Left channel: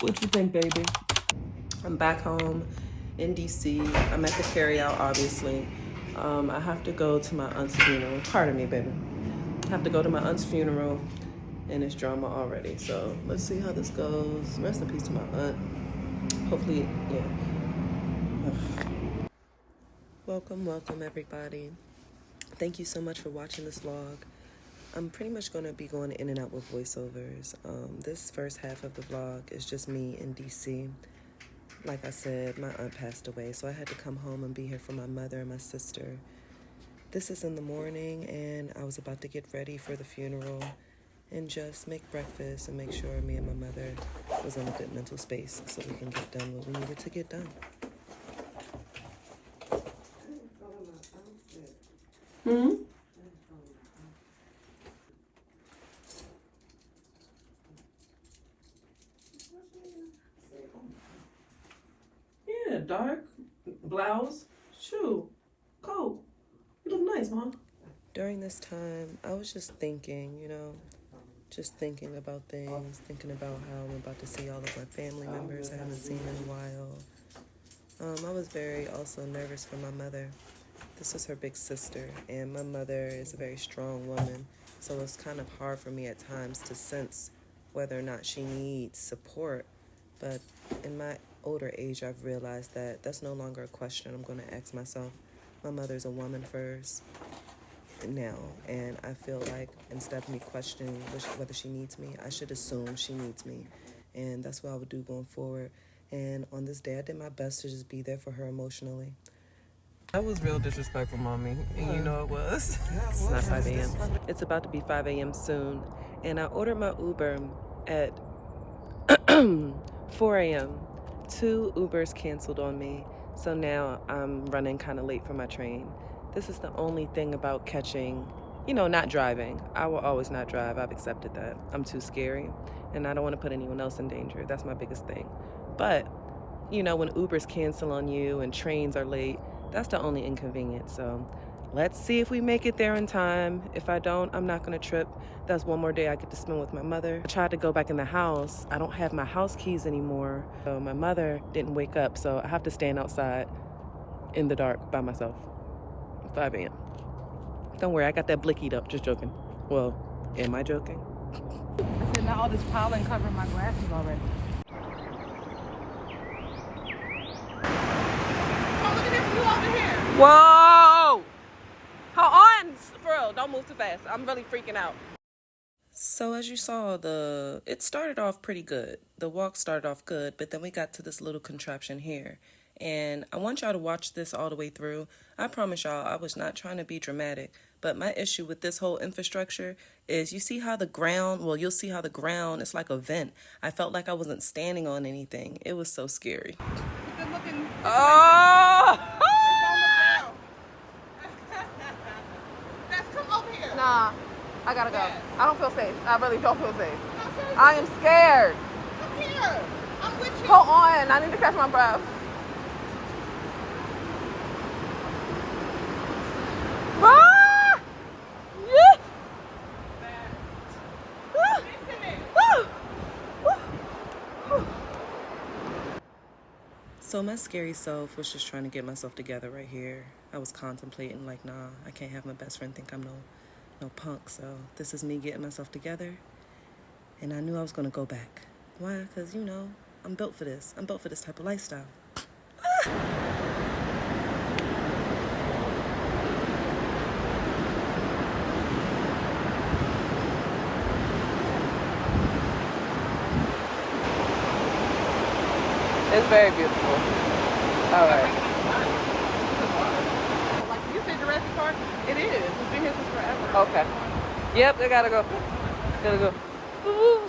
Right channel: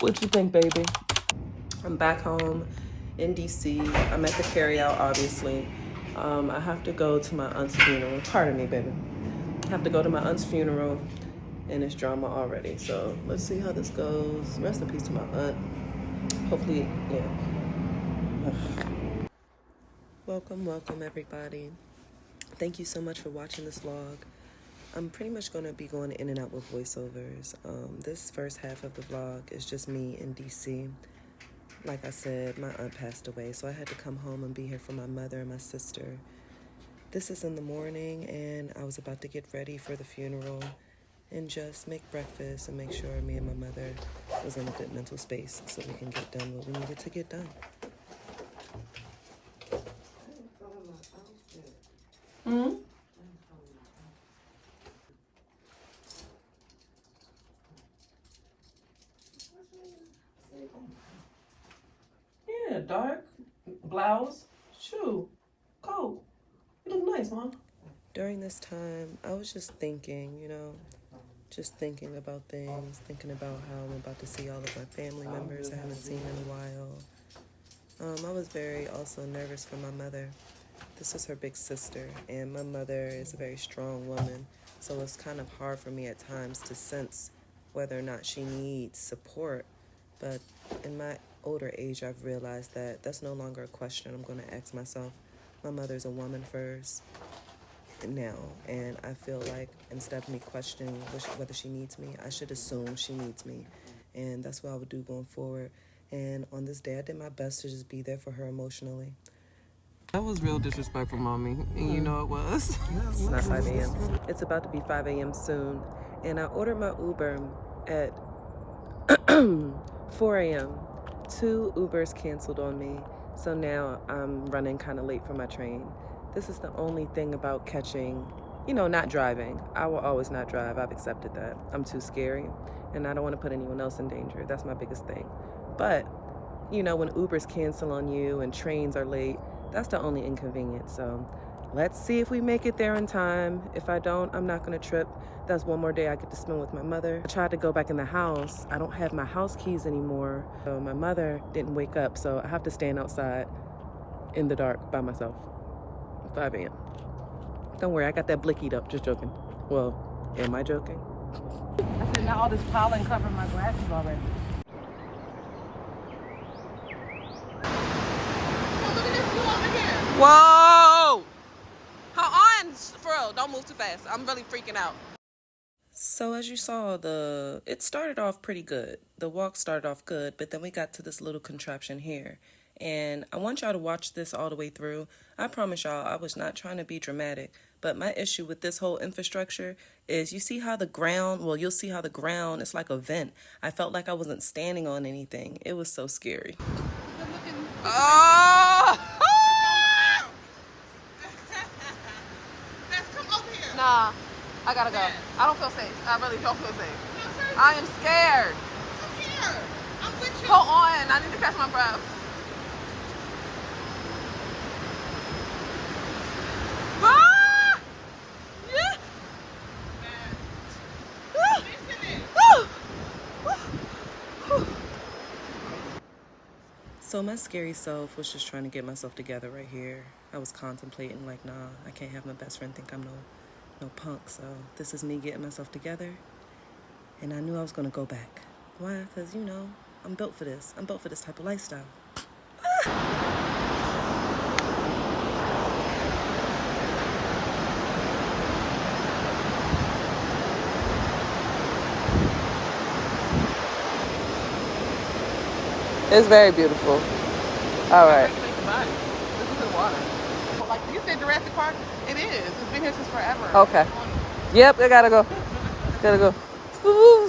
What you think, baby? I'm back home in DC. I'm at the carryout, obviously. I have to go to my aunt's funeral. Pardon me, baby. I have to go to my aunt's funeral, and it's drama already. So let's see how this goes. Rest in peace to my aunt. Hopefully, yeah. Welcome everybody. Thank you so much for watching this vlog. I'm pretty much going to be going in and out with voiceovers. This first half of the vlog is just me in DC. Like I said, my aunt passed away, so I had to come home and be here for my mother and my sister. This is in the morning, and I was about to get ready for the funeral and just make breakfast and make sure me and my mother was in a good mental space so we can get done what we needed to get done. Mm-hmm. Yeah, dark blouse, shoe, coat. You look nice, Mom. During this time, I was just thinking, just thinking about things, thinking about how I'm about to see all of my family members I haven't seen in a while. I was very also nervous for my mother. This is her big sister, and my mother is a very strong woman, so it's kind of hard for me at times to sense whether or not she needs support. But in my older age, I've realized that that's no longer a question I'm going to ask myself. My mother's a woman first now, and I feel like instead of me questioning whether she needs me, I should assume she needs me, and that's what I would do going forward. And on this day, I did my best to just be there for her emotionally. That was real disrespectful, Mommy, and you know it was. It's not 5 a.m. It's about to be 5 a.m. soon, and I ordered my Uber at 4 a.m. 2 Ubers canceled on me, so now I'm running kind of late for my train. This is the only thing about catching, not driving. I will always not drive. I've accepted that. I'm too scary, and I don't want to put anyone else in danger. That's my biggest thing. But, when Ubers cancel on you and trains are late, that's the only inconvenience. So let's see if we make it there in time. If I don't, I'm not going to trip. That's one more day I get to spend with my mother. I tried to go back in the house. I don't have my house keys anymore. So my mother didn't wake up, so I have to stand outside in the dark by myself. 5 a.m. Don't worry, I got that blickied up. Just joking. Well, am I joking? I said, now all this pollen covering my glasses already. Whoa! Hold on, for real, don't move too fast. I'm really freaking out. So as you saw, it started off pretty good. The walk started off good, but then we got to this little contraption here. And I want y'all to watch this all the way through. I promise y'all, I was not trying to be dramatic, but my issue with this whole infrastructure is you'll see how the ground is like a vent. I felt like I wasn't standing on anything. It was so scary. Oh! Nah, I gotta go. I don't feel safe. I really don't feel safe. I am scared. Hold on, I need to catch my breath. Ah! Yeah. So my scary self was just trying to get myself together right here. I was contemplating like, nah, I can't have my best friend think I'm no punk. So this is me getting myself together. And I knew I was going to go back. Why? Because, I'm built for this. I'm built for this type of lifestyle. It's very beautiful. All right. Like you said, Jurassic Park, it is. It's been here since forever. Okay. Yep, I gotta go. Gotta go. Ooh.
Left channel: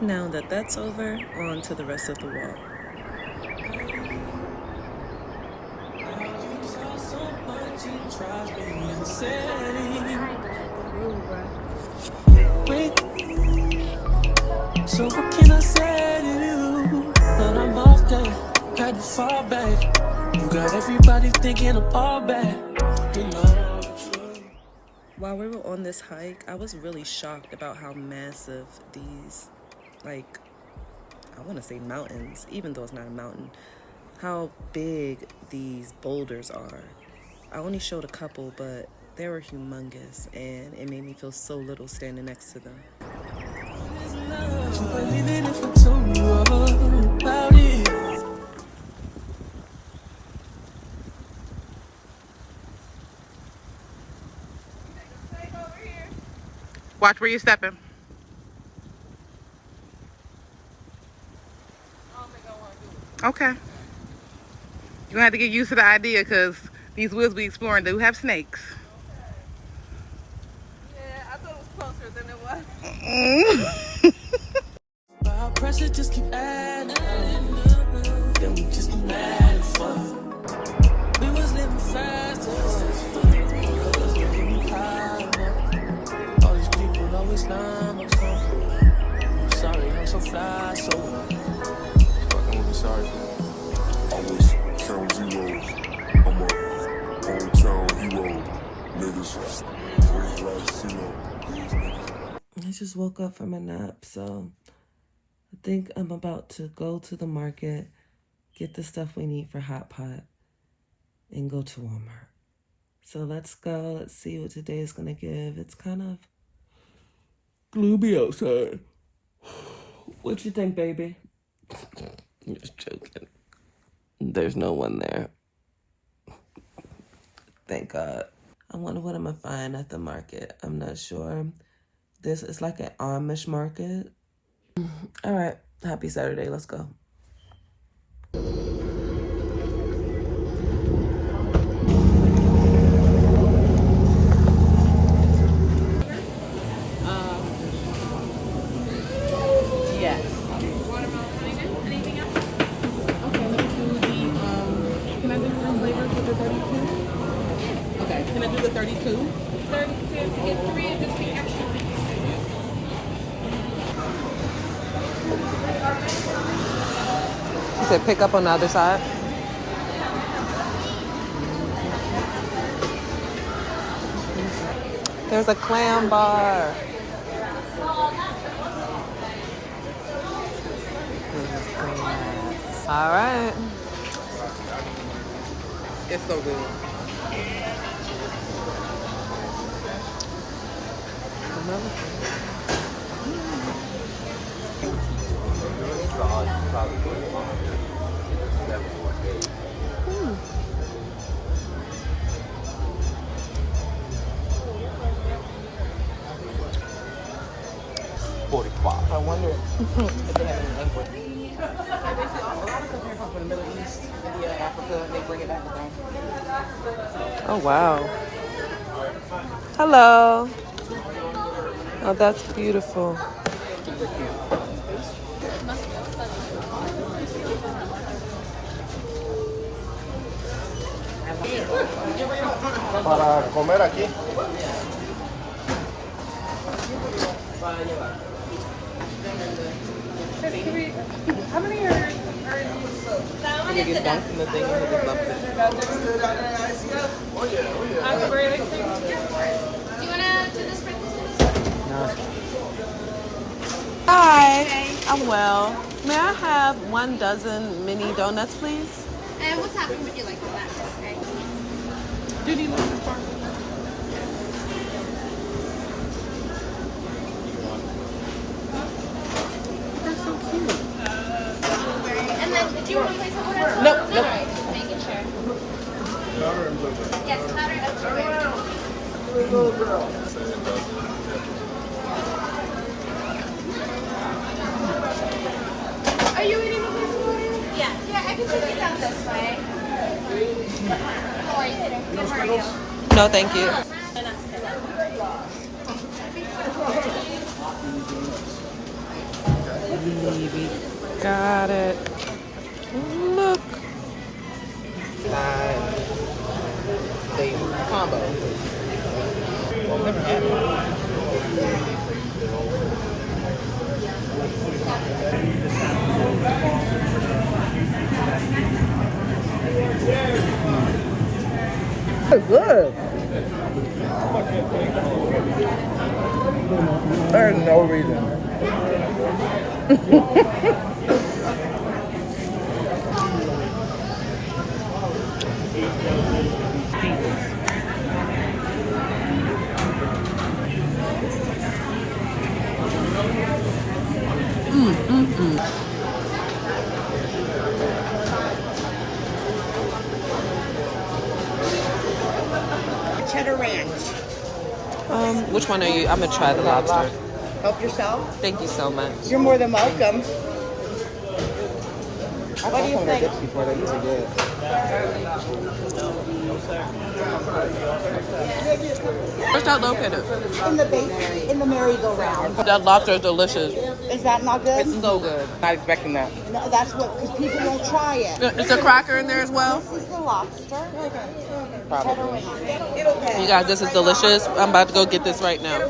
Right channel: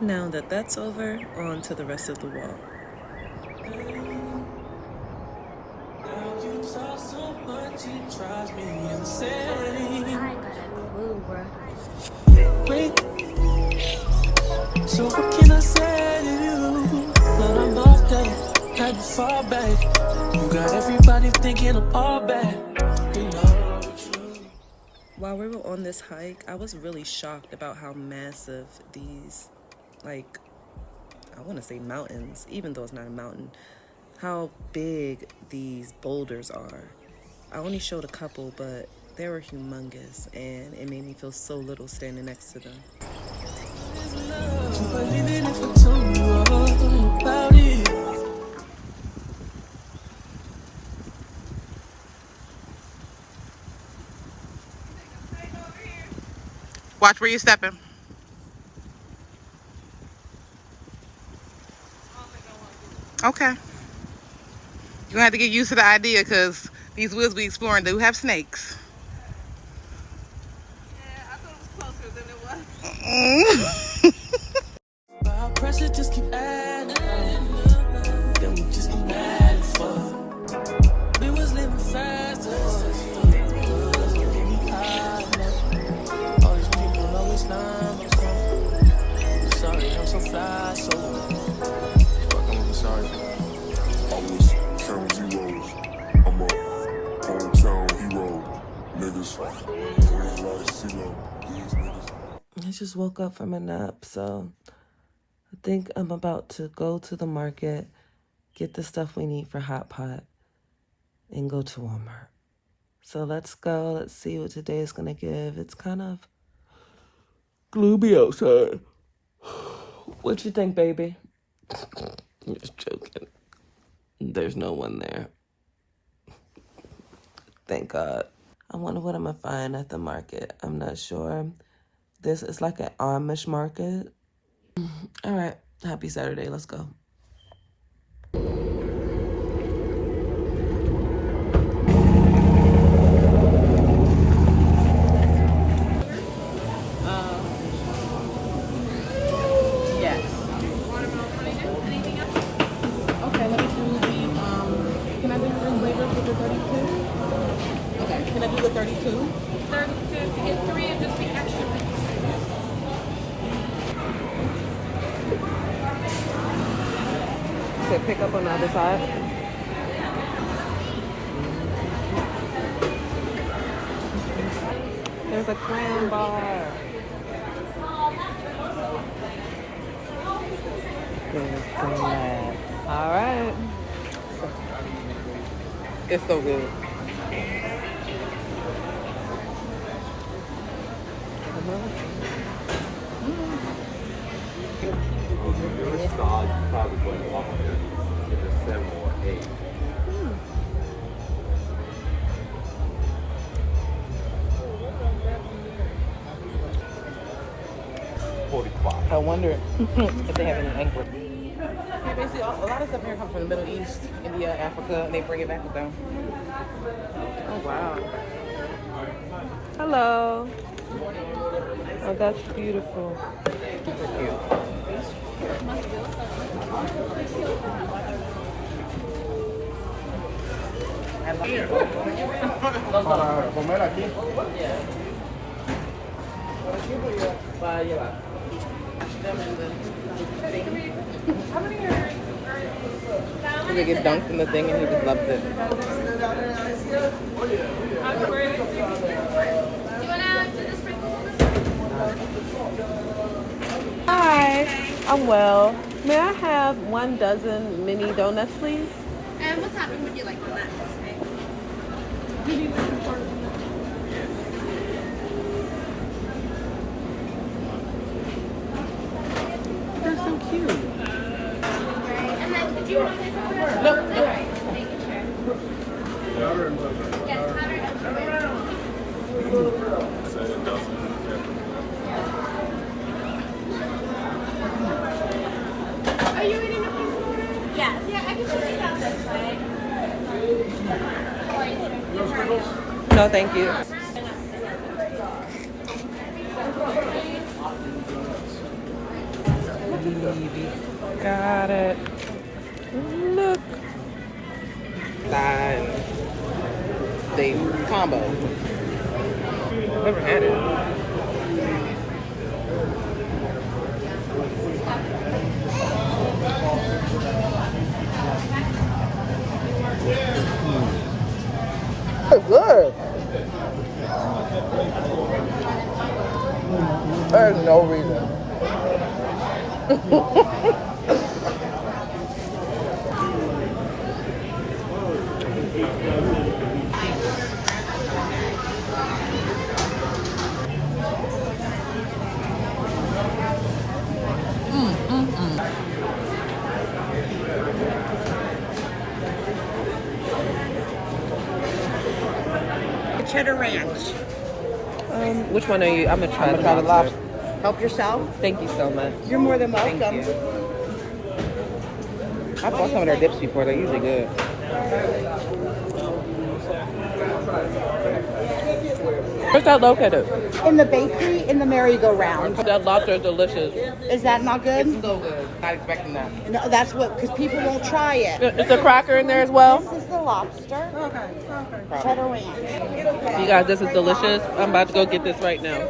Now that that's over, on to the rest of the walk. I ain't got a clue, bruh. So what can I say to you? But I'm off there, had to fall back. You got got everybody thinking I'm all bad. You know. While we were on this hike, I was really shocked about how massive these, like, I want to say mountains, even though it's not a mountain, how big these boulders are. I only showed a couple, but they were humongous, and it made me feel so little standing next to them. Watch where you're stepping. Okay. You're gonna have to get used to the idea because these woods we exploring do have snakes. Yeah, I thought it was closer than it was. Our pressure just keep adding up. Then we just be mad at fuck. We was living fast at first. That's what get me high enough. All these people always lying about something. I'm sorry, I'm so fly, so fuck, I'm gonna be sorry for that. I was count zeros. I'm a hometown hero. Niggas, always like CeeLo. These niggas. I just woke up from a nap, so I think I'm about to go to the market, get the stuff we need for hot pot, and go to Walmart. So let's go. Let's see what today is going to give. It's kind of gloomy outside. What you think, baby? I'm just joking. There's no one there. Thank God. I wonder what I'm going to find at the market. I'm not sure. This is like an Amish market. All right. Happy Saturday. Let's go. Yes. Okay, let me do the, can I do the flavors with the 32? Okay, can I do the 32? 32 to get 3 and just be extra. You said pick up on the other side? There's a clam bar. There's glass. All right. It's so good. I wonder if they have any import. Basically, a lot of stuff here comes from the Middle East, India, Africa, and they bring it back with them. Oh, wow. Hello. Oh, that's beautiful. Para comer aquí. Para llevar. Them in the thing. They get dunked in the thing and he just loves it. You wanna do the sprinkles on this one? Hi. I'm well. May I have 1 dozen mini donuts, please? And what topping would you like on that? Okay. And then, did you want to place it on Nope, nope. Making sure. Powder and blueberry. Yes, powder and sugar. Little girl. Are you eating the place order? Yeah. Yeah, I can just eat out this way. How are you today? Good, how are you? No, thank you. Got it. Look. They combo. Never had it. Cheddar ranch. Which one are you? I'm gonna try the lobster. Help yourself. Thank you so much. You're more than welcome. I've tried some of their dips before. They're usually good. Where's that located? In the bakery, in the merry-go-round. That lobster is delicious. Is that not good? It's so good. Not expecting that. No, that's what, because people won't try it. Is a cracker in there as well? This is the lobster. Okay. Cheddar ranch. You guys, this is delicious. I'm about to go get this right now.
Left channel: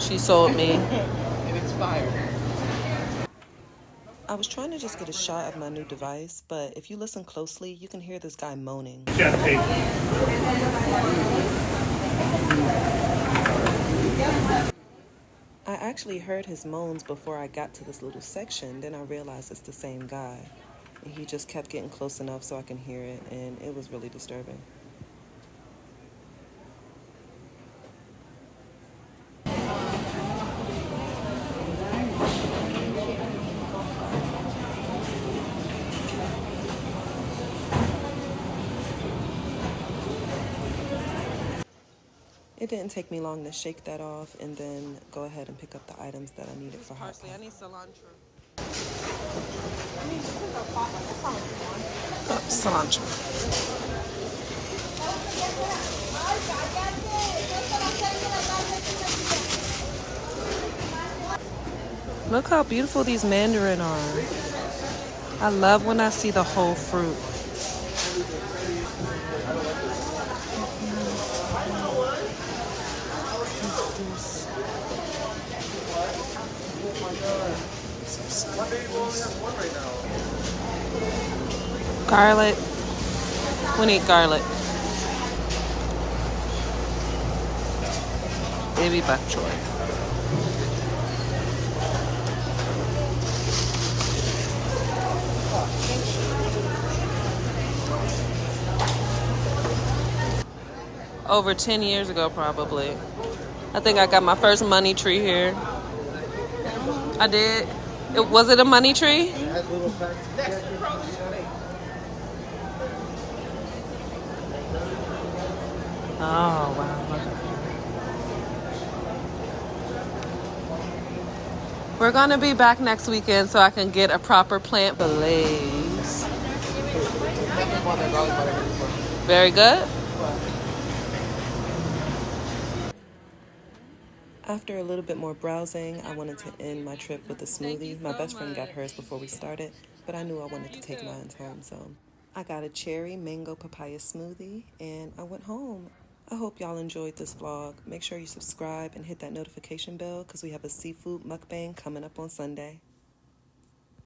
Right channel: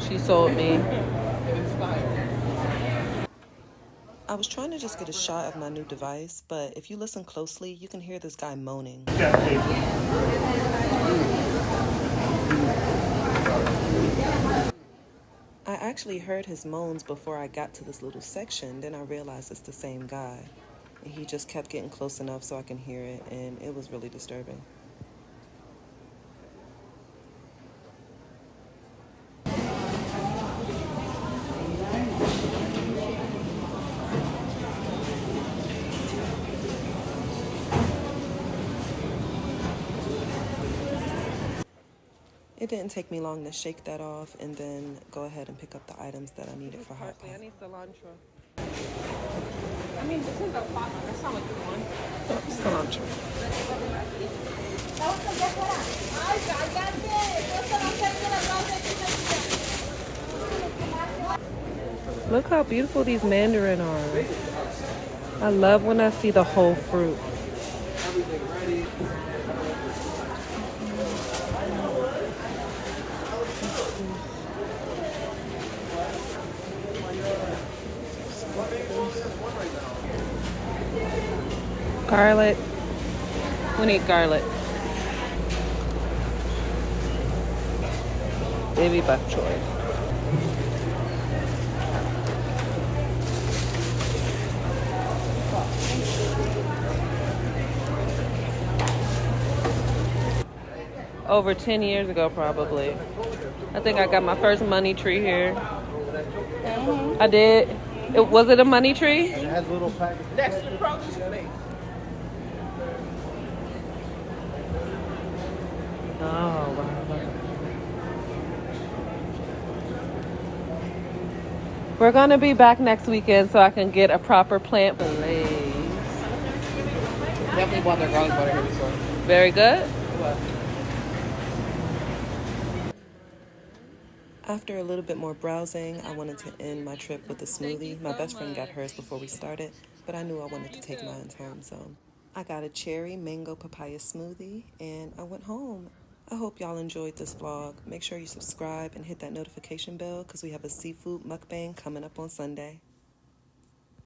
She sold me. I was trying to just get a shot of my new device, but if you listen closely, you can hear this guy moaning. I actually heard his moans before I got to this little section, then I realized it's the same guy. And he just kept getting close enough so I can hear it, and it was really disturbing. It didn't take me long to shake that off and then go ahead and pick up the items that I needed for hot pot. I need cilantro. Cilantro. Look how beautiful these mandarin are. I love when I see the whole fruit. Garlic. We need garlic. Baby bok choy. Over 10 years ago, probably. I think I got my first money tree here. I did. Was it a money tree? Oh, wow. Look at that. We're going to be back next weekend so I can get a proper plant blaze. Very good. After a little bit more browsing, I wanted to end my trip with a smoothie. My best friend got hers before we started, but I knew I wanted to take mine home, so I got a cherry mango papaya smoothie, and I went home. I hope y'all enjoyed this vlog. Make sure you subscribe and hit that notification bell because we have a seafood mukbang coming up on Sunday.